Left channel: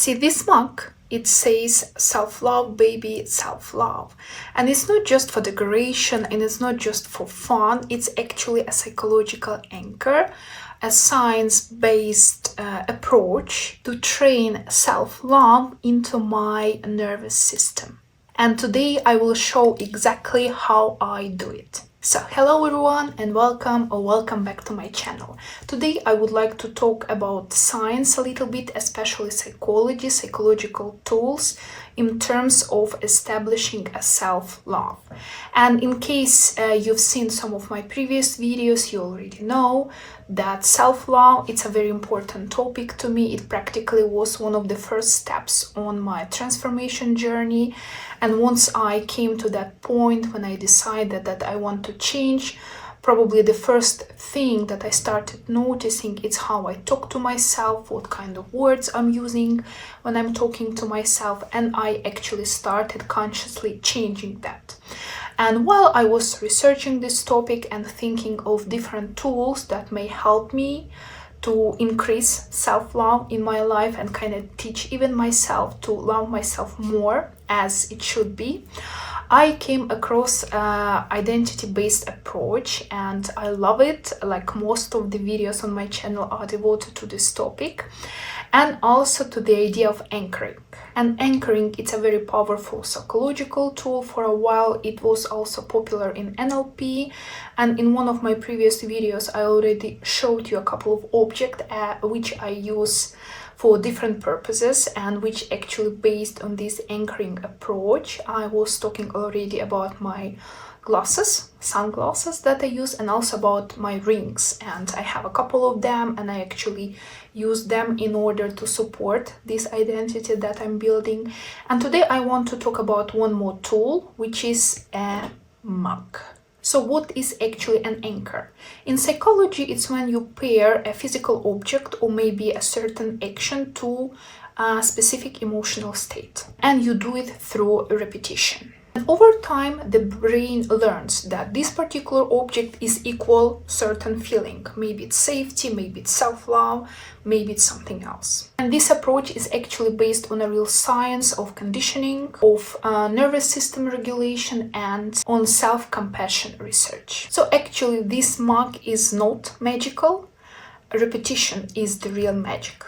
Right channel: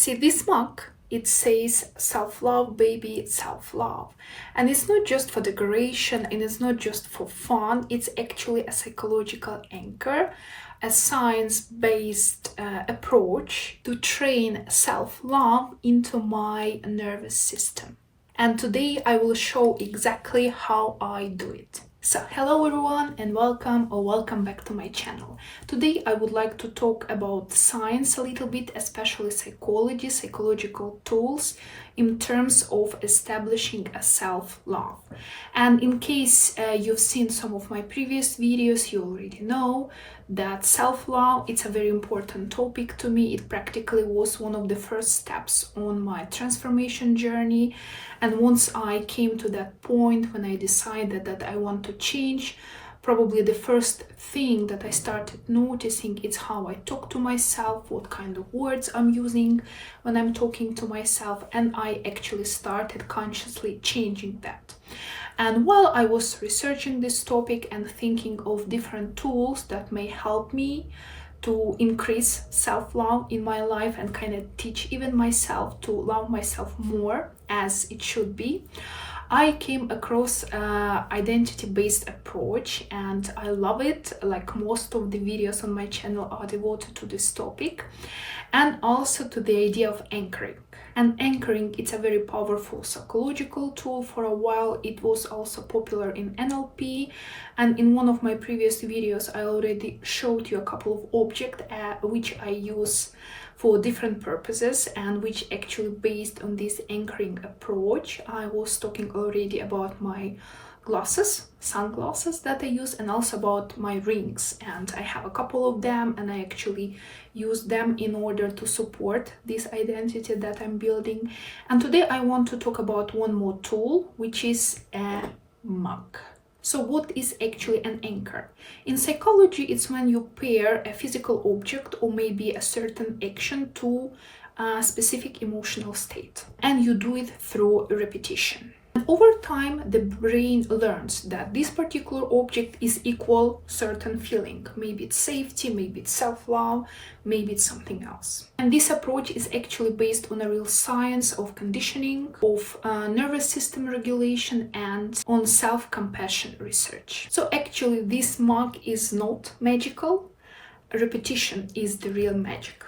See this mug, it says self-love, baby, self-love. And it's not just for decoration and it's not just for fun, it's actually a psychological anchor, a science-based approach to train self-love into my nervous system. And today I will show exactly how I do it. So hello everyone and welcome back to my channel. Today I would like to talk about science a little bit, especially psychology, psychological tools in terms of establishing a self-love. And in case you've seen some of my previous videos, you already know that self-love, it's a very important topic to me. It practically was one of the first steps on my transformation journey. And once I came to that point when I decided that I want to change, probably the first thing that I started noticing is how I talk to myself, what kind of words I'm using when I'm talking to myself, and I actually started consciously changing that. And while I was researching this topic and thinking of different tools that may help me to increase self-love in my life and kind of teach even myself to love myself more as it should be, I came across identity-based approach and I love it. Like most of the videos on my channel are devoted to this topic and also to the idea of anchoring. And anchoring, it's a very powerful psychological tool. For a while it was also popular in NLP, and in one of my previous videos I already showed you a couple of objects which I use for different purposes and which actually based on this anchoring approach. I was talking already about my glasses, sunglasses that I use, and also about my rings, and I have a couple of them and I actually use them in order to support this identity that I'm building. And today I want to talk about one more tool, which is a mug. So what is actually an anchor? In psychology, it's when you pair a physical object or maybe a certain action to a specific emotional state, and you do it through repetition. And over time, the brain learns that this particular object is equal certain feeling. Maybe it's safety, maybe it's self-love, maybe it's something else. And this approach is actually based on a real science of conditioning, of nervous system regulation, and on self-compassion research. So actually, this mug is not magical. Repetition is the real magic.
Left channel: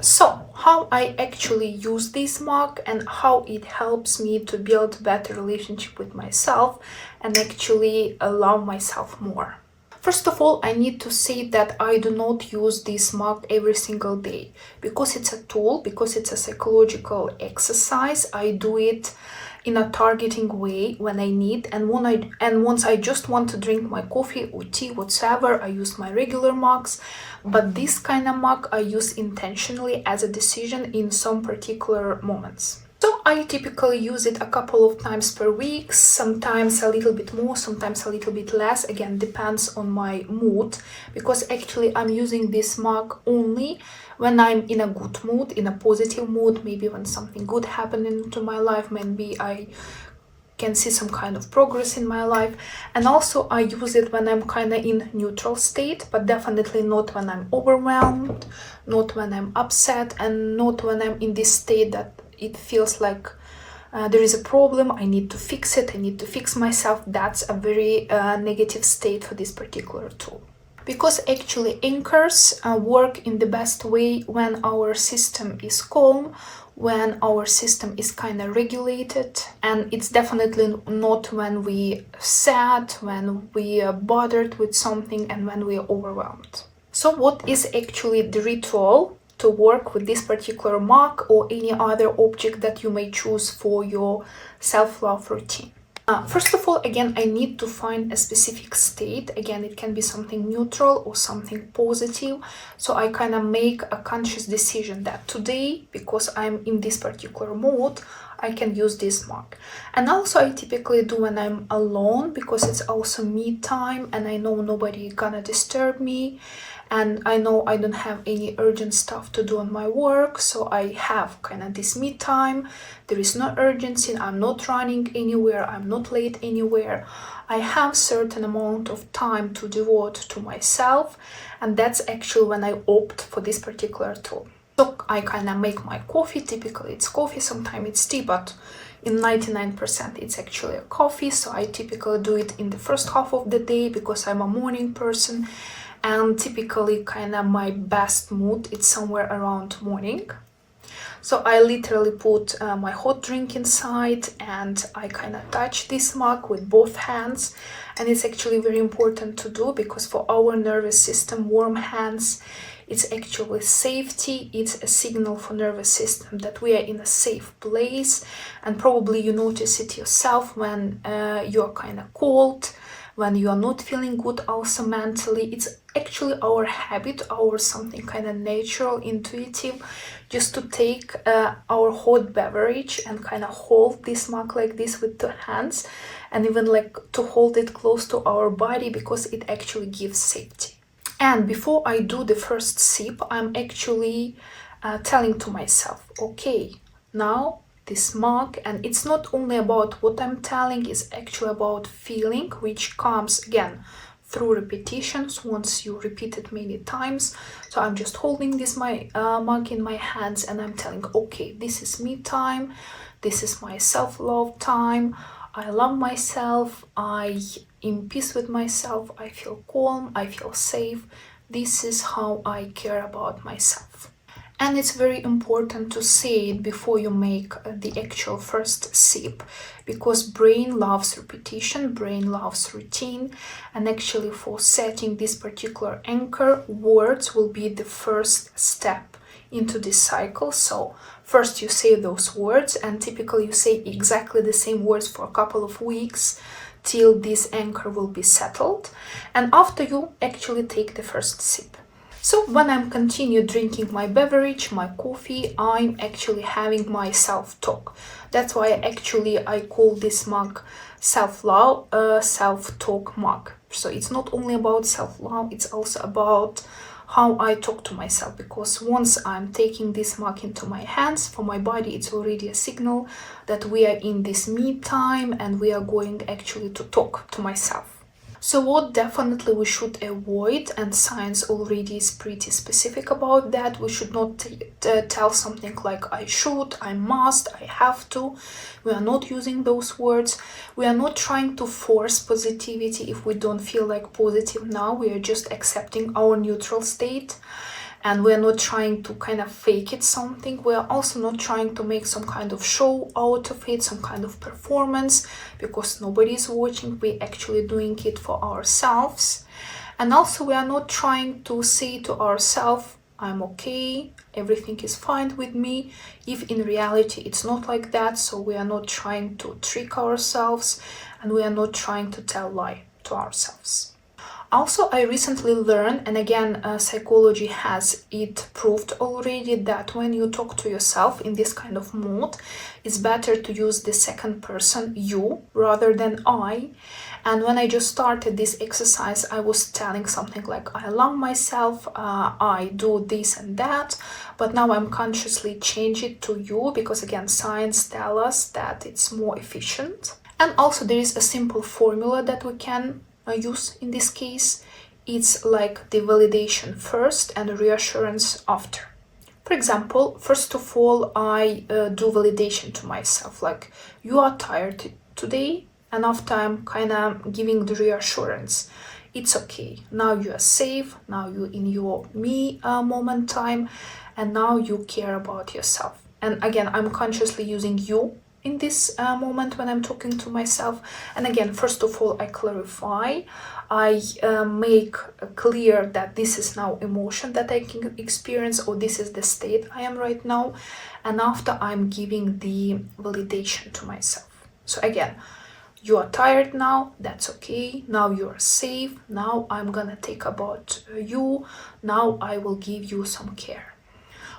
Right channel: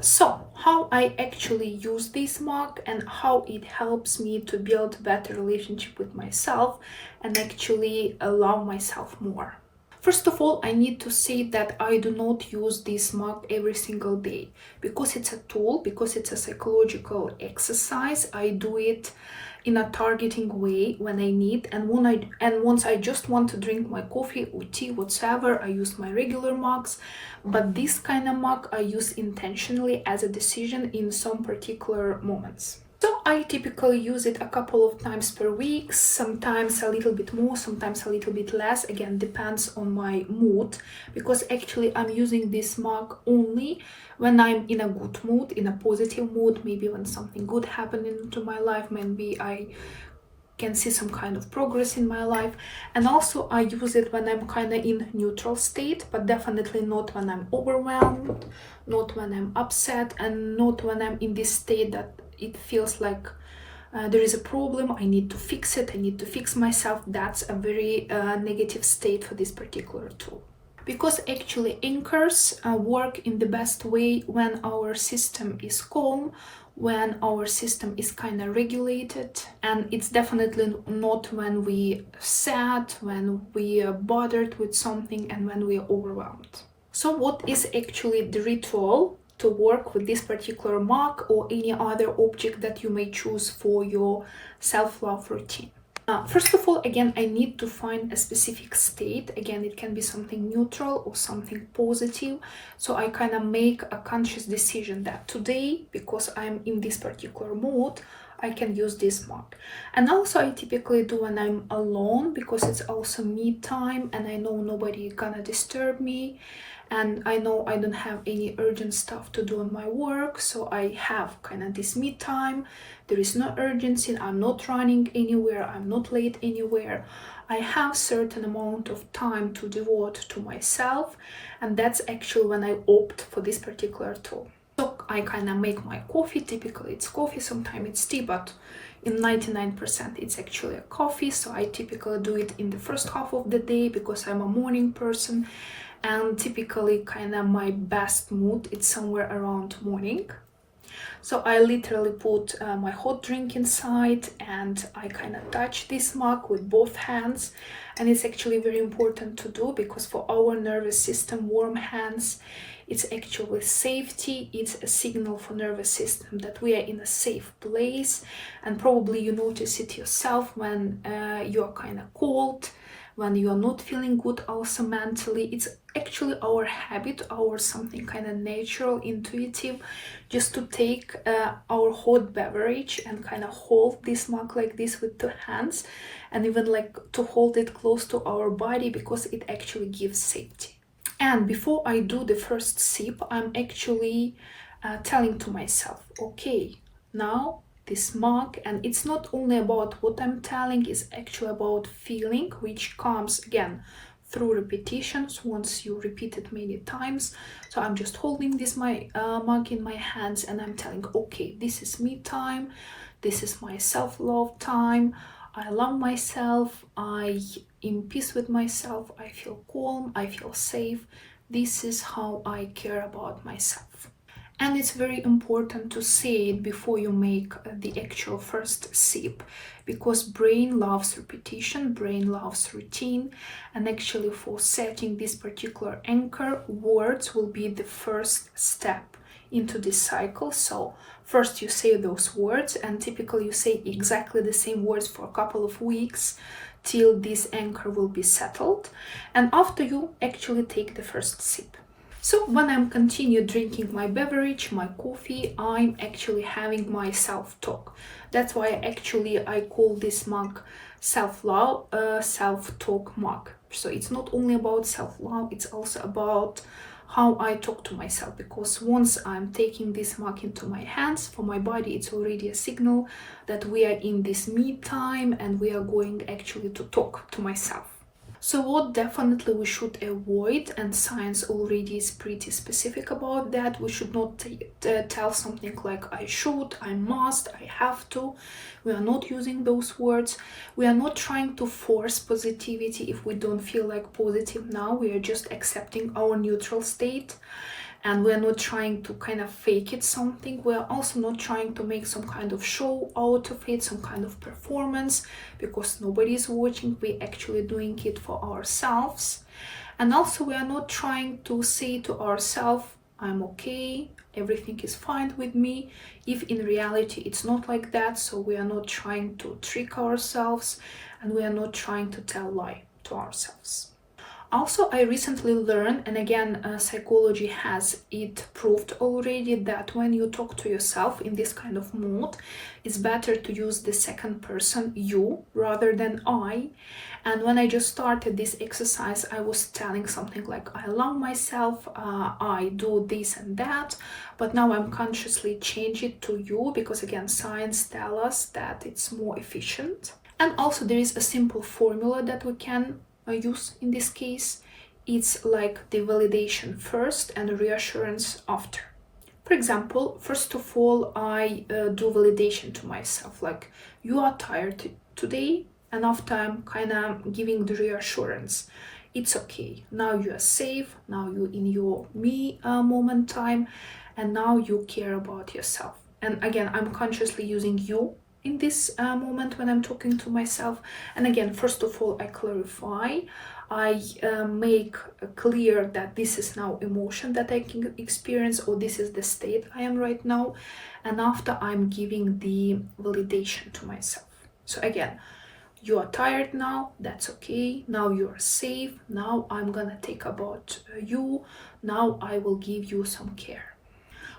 So, how I actually use this mug and how it helps me to build better relationship with myself and actually love myself more. First of all, I need to say that I do not use this mug every single day because it's a tool, because it's a psychological exercise. I do it in a targeting way when I need, and once I just want to drink my coffee or tea, whatsoever, I use my regular mugs. But this kind of mug I use intentionally as a decision in some particular moments. So I typically use it a couple of times per week, sometimes a little bit more, sometimes a little bit less. Again, depends on my mood, because actually I'm using this mug only when I'm in a good mood, in a positive mood, maybe when something good happening to my life, maybe I can see some kind of progress in my life. And also I use it when I'm kind of in neutral state, but definitely not when I'm overwhelmed, not when I'm upset, and not when I'm in this state that it feels like there is a problem, I need to fix it, I need to fix myself. That's a very negative state for this particular tool. Because actually anchors work in the best way when our system is calm, when our system is kind of regulated, and it's definitely not when we sad, when we are bothered with something, and when we are overwhelmed. So what is actually the ritual to work with this particular mug or any other object that you may choose for your self-love routine? First of all, again, I need to find a specific state. Again, it can be something neutral or something positive. So I kind of make a conscious decision that today, because I'm in this particular mood, I can use this mug. And also I typically do when I'm alone, because it's also me time and I know nobody gonna disturb me. And I know I don't have any urgent stuff to do on my work, so I have kind of this me time. There is no urgency, I'm not running anywhere, I'm not late anywhere. I have certain amount of time to devote to myself, and that's actually when I opt for this particular tool. So I kind of make my coffee. Typically it's coffee, sometimes it's tea, but in 99% it's actually a coffee. So I typically do it in the first half of the day because I'm a morning person, and typically kind of my best mood it's somewhere around morning. So I literally put my hot drink inside and I kind of touch this mug with both hands. And it's actually very important to do because for our nervous system, warm hands, it's actually safety. It's a signal for nervous system that we are in a safe place. And probably you notice it yourself when you're kind of cold, when you are not feeling good also mentally. It's actually our habit, our something kind of natural, intuitive, just to take our hot beverage and kind of hold this mug like this with 2 hands, and even like to hold it close to our body because it actually gives safety. And before I do the first sip, I'm actually telling to myself, okay, now this mug, and it's not only about what I'm telling, it's actually about feeling, which comes again through repetitions once you repeat it many times. So I'm just holding this mug in my hands and I'm telling, okay, this is me time, this is my self-love time, I love myself, I in peace with myself, I feel calm, I feel safe, this is how I care about myself. And it's very important to say it before you make the actual first sip, because brain loves repetition, brain loves routine, and actually for setting this particular anchor, words will be the first step into this cycle. So first you say those words, and typically you say exactly the same words for a couple of weeks till this anchor will be settled, and after you actually take the first sip. So when I'm continue drinking my beverage, my coffee, I'm actually having my self-talk. That's why I call this mug self-love, self-talk mug. So it's not only about self-love, it's also about how I talk to myself, because once I'm taking this mug into my hands, for my body it's already a signal that we are in this me time and we are going actually to talk to myself. So what definitely we should avoid, and science already is pretty specific about that, we should not tell something like I should, I must, I have to. We are not using those words. We are not trying to force positivity if we don't feel like positive now. We are just accepting our neutral state. And we're not trying to kind of fake it something. We're also not trying to make some kind of show out of it, some kind of performance, because nobody's watching. We're actually doing it for ourselves. And also we are not trying to say to ourselves, I'm okay, everything is fine with me, if in reality it's not like that. So we are not trying to trick ourselves, and we are not trying to tell lie to ourselves. Also, I recently learned, and again, psychology has it proved already, that when you talk to yourself in this kind of mode, it's better to use the second person, you, rather than I. And when I just started this exercise, I was telling something like, I love myself, I do this and that, but now I'm consciously changing it to you, because again, science tells us that it's more efficient. And also there is a simple formula that we can use in this case. It's like the validation first and reassurance after. For example, first of all, I do validation to myself, like, you are tired today, and after I'm kind of giving the reassurance, it's okay, now you are safe, now you're in your me moment time, and now you care about yourself. And again, I'm consciously using you in this moment when I'm talking to myself. And again, first of all, I clarify, I make clear that this is now emotion that I can experience, or this is the state I am right now. And after, I'm giving the validation to myself. So again, you are tired now, that's okay, now you are safe, now I'm gonna take about you, now I will give you some care.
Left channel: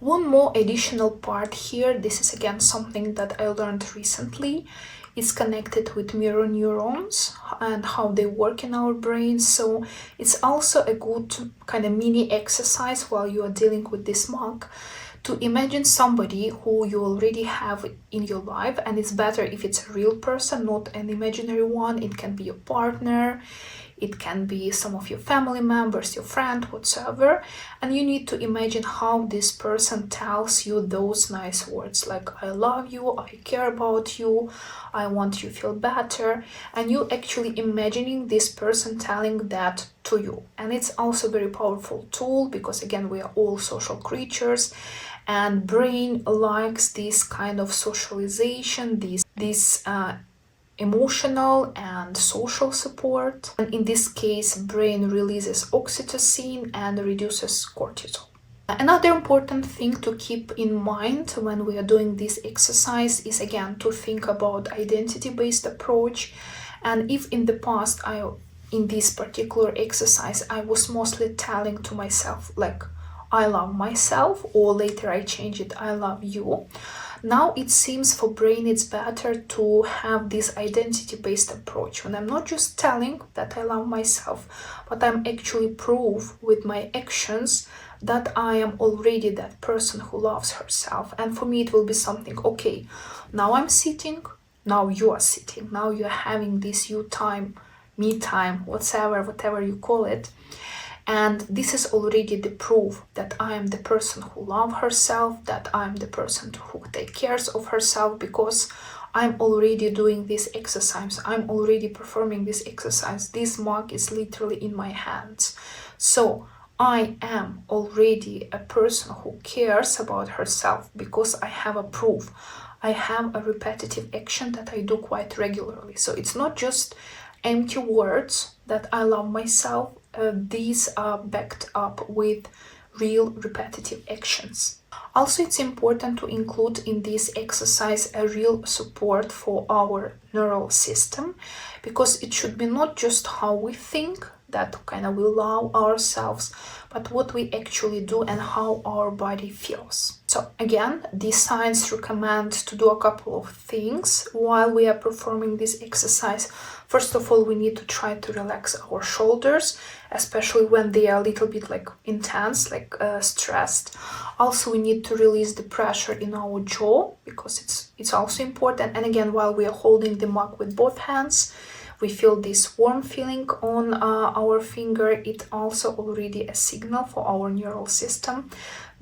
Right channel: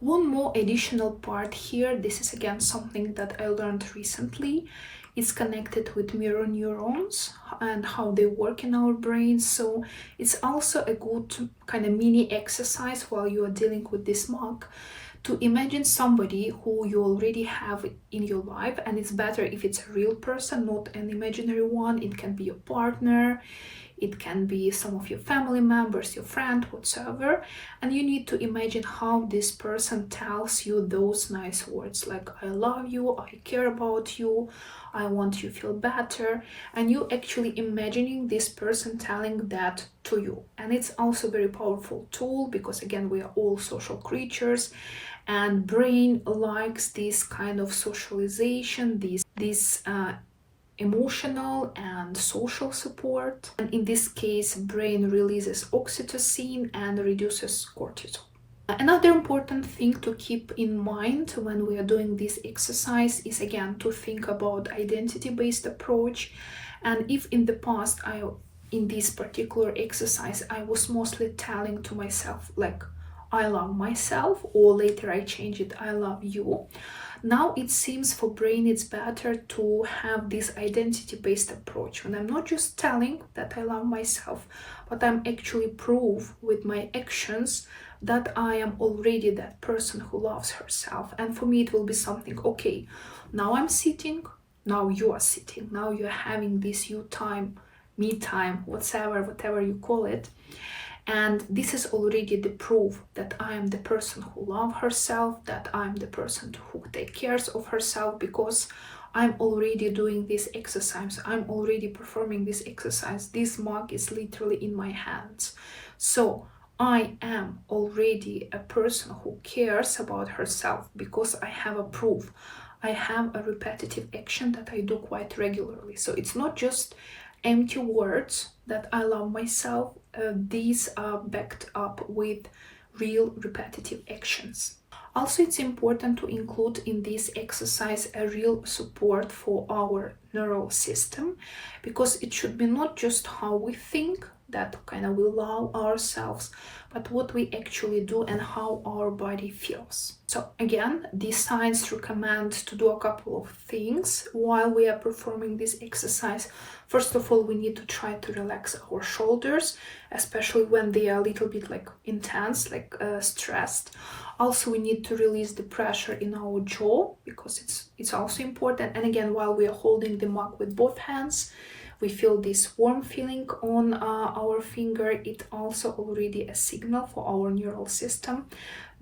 One more additional part here, this is again something that I learned recently. It's connected with mirror neurons and how they work in our brains. So it's also a good kind of mini exercise while you are dealing with this mug, to imagine somebody who you already have in your life. And it's better if it's a real person, not an imaginary one. It can be your partner, it can be some of your family members, your friend, whatsoever, and you need to imagine how this person tells you those nice words like I love you, I care about you, I want you to feel better, and you actually imagining this person telling that to you. And it's also a very powerful tool because again, we are all social creatures, and brain likes this kind of socialization, this emotional and social support. And in this case, brain releases oxytocin and reduces cortisol. Another important thing to keep in mind when we are doing this exercise is again to think about identity-based approach. And if in the past in this particular exercise I was mostly telling to myself like I love myself, or later I change it I love you, now it seems for brain it's better to have this identity-based approach when I'm not just telling that I love myself, but I'm actually prove with my actions that I am already that person who loves herself. And for me it will be something, okay, now I'm sitting, now you are sitting, now you're having this you time, me time, whatever you call it. And this is already the proof that I am the person who loves herself, that I'm the person who takes care of herself, because I'm already doing this exercise. I'm already performing this exercise. This mug is literally in my hands. So I am already a person who cares about herself because I have a proof. I have a repetitive action that I do quite regularly. So it's not just empty words that I love myself. These are backed up with real repetitive actions. Also, it's important to include in this exercise a real support for our neural system, because it should be not just how we think, that kind of we love ourselves, but what we actually do and how our body feels. So again, these science recommend to do a couple of things while we are performing this exercise. First of all, we need to try to relax our shoulders, especially when they are a little bit like intense, like stressed. Also, we need to release the pressure in our jaw because it's also important. And again, while we are holding the mug with both hands, we feel this warm feeling on our finger. It also already a signal for our neural system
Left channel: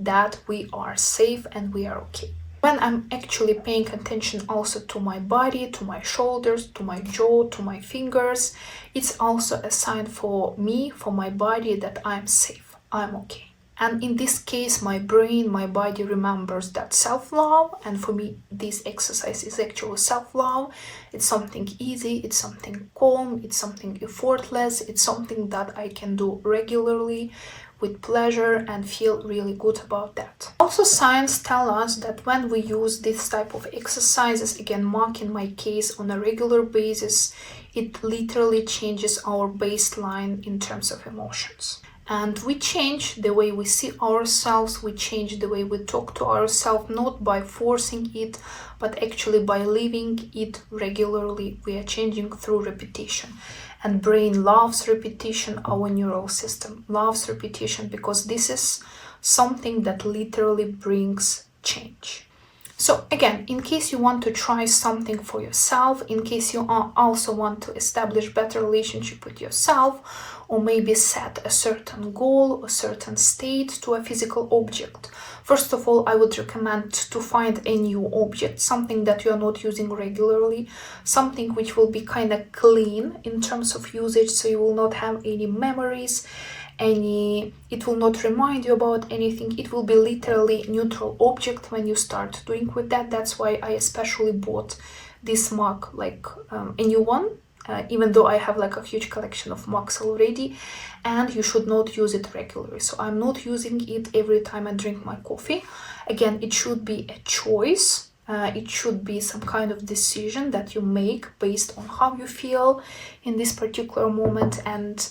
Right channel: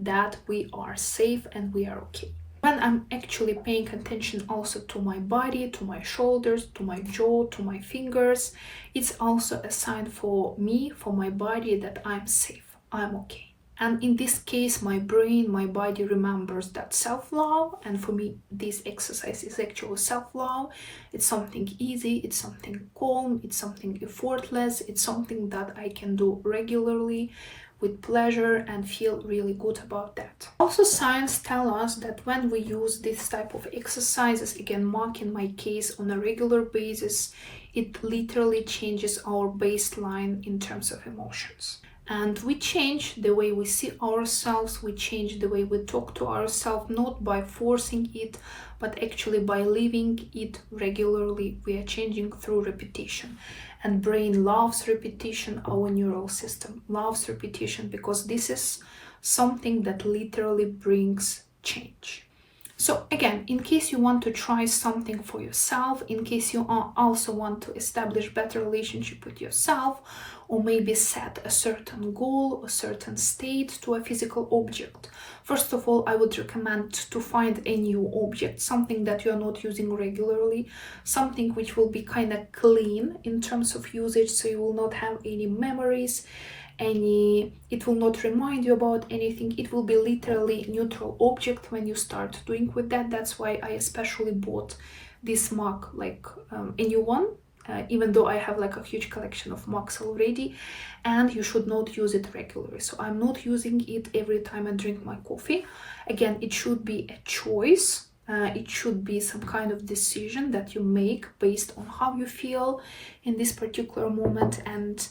that we are safe and we are okay. When I'm actually paying attention also to my body, to my shoulders, to my jaw, to my fingers, it's also a sign for me, for my body, that I'm safe, I'm okay. And in this case, my brain, my body remembers that self-love. And for me, this exercise is actually self-love. It's something easy, it's something calm, it's something effortless, it's something that I can do regularly with pleasure and feel really good about that. Also, science tells us that when we use this type of exercises, again, mark in my case, on a regular basis, it literally changes our baseline in terms of emotions. And we change the way we see ourselves, we change the way we talk to ourselves, not by forcing it, but actually by living it regularly. We are changing through repetition. And brain loves repetition, our neural system loves repetition, because this is something that literally brings change. So again, in case you want to try something for yourself, in case you also want to establish better relationship with yourself, or maybe set a certain goal, a certain state to a physical object. First of all, I would recommend to find a new object, something that you are not using regularly, something which will be kind of clean in terms of usage, so you will not have any memories, it will not remind you about anything. It will be literally neutral object when you start doing with that. That's why I especially bought this mug, like a new one, even though I have like a huge collection of mugs already, and you should not use it regularly. So I'm not using it every time I drink my coffee. Again, it should be a choice. It should be some kind of decision that you make based on how you feel in this particular moment. And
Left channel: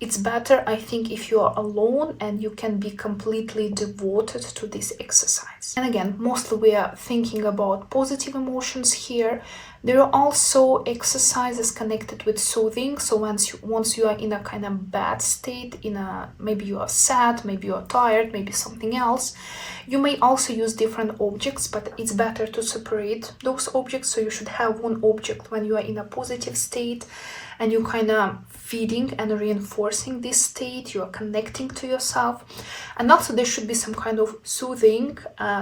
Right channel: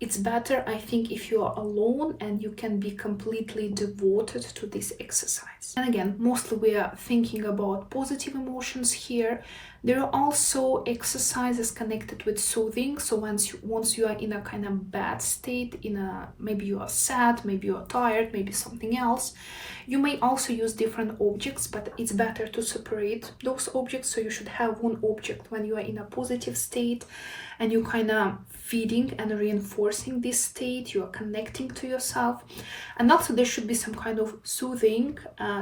it's better, I think, if you are alone and you can be completely devoted to this exercise. And again, mostly we are thinking about positive emotions here, There are also exercises connected with soothing. So once you are in a kind of bad state, maybe you are sad, maybe you are tired, maybe something else, you may also use different objects, but it's better to separate those objects. So you should have one object when you are in a positive state and you kind of feeding and reinforcing this state, you are connecting to yourself. And also there should be some kind of soothing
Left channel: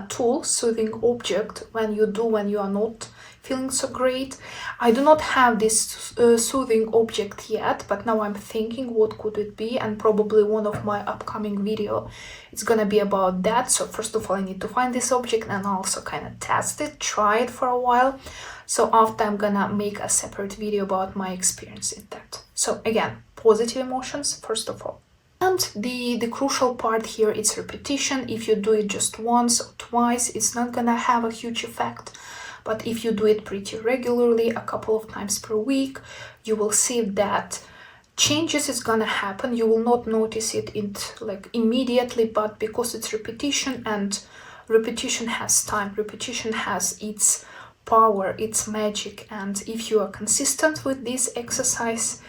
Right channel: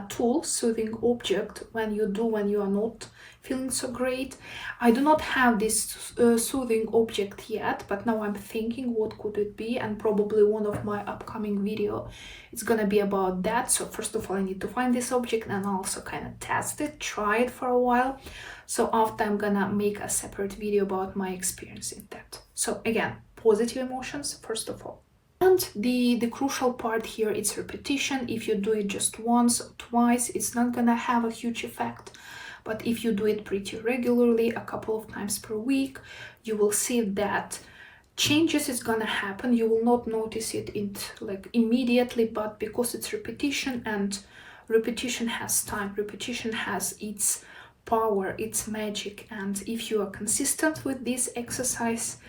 tool, soothing object when you are not feeling so great. I do not have this soothing object yet, but now I'm thinking what could it be, and probably one of my upcoming video is gonna be about that. So first of all, I need to find this object and also kind of test it, try it for a while. So after, I'm gonna make a separate video about my experience in that. So again, positive emotions first of all. And the crucial part here is repetition. If you do it just once or twice, it's not gonna have a huge effect. But if you do it pretty regularly, a couple of times per week, you will see that changes is gonna happen. You will not notice it like immediately, but because it's repetition, and repetition has time, repetition has its power, its magic, and if you are consistent with this exercise,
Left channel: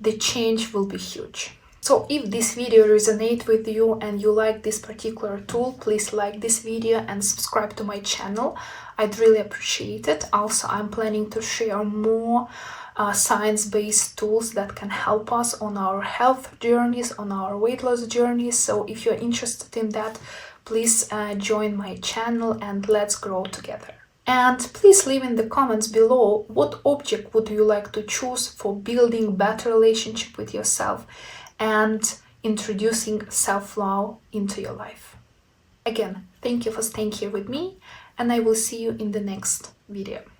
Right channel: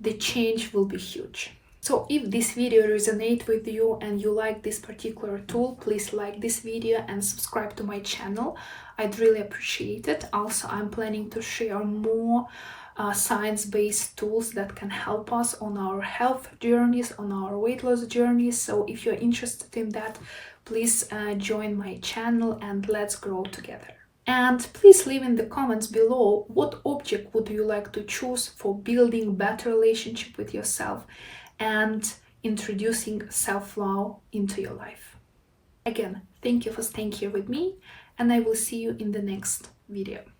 the change will be huge. So if this video resonates with you and you like this particular tool, please like this video and subscribe to my channel. I'd really appreciate it. Also, I'm planning to share more science-based tools that can help us on our health journeys, on our weight loss journeys. So if you're interested in that, please join my channel and let's grow together. And please leave in the comments below what object would you like to choose for building better relationship with yourself and introducing self-love into your life. Again, thank you for staying here with me, and I will see you in the next video.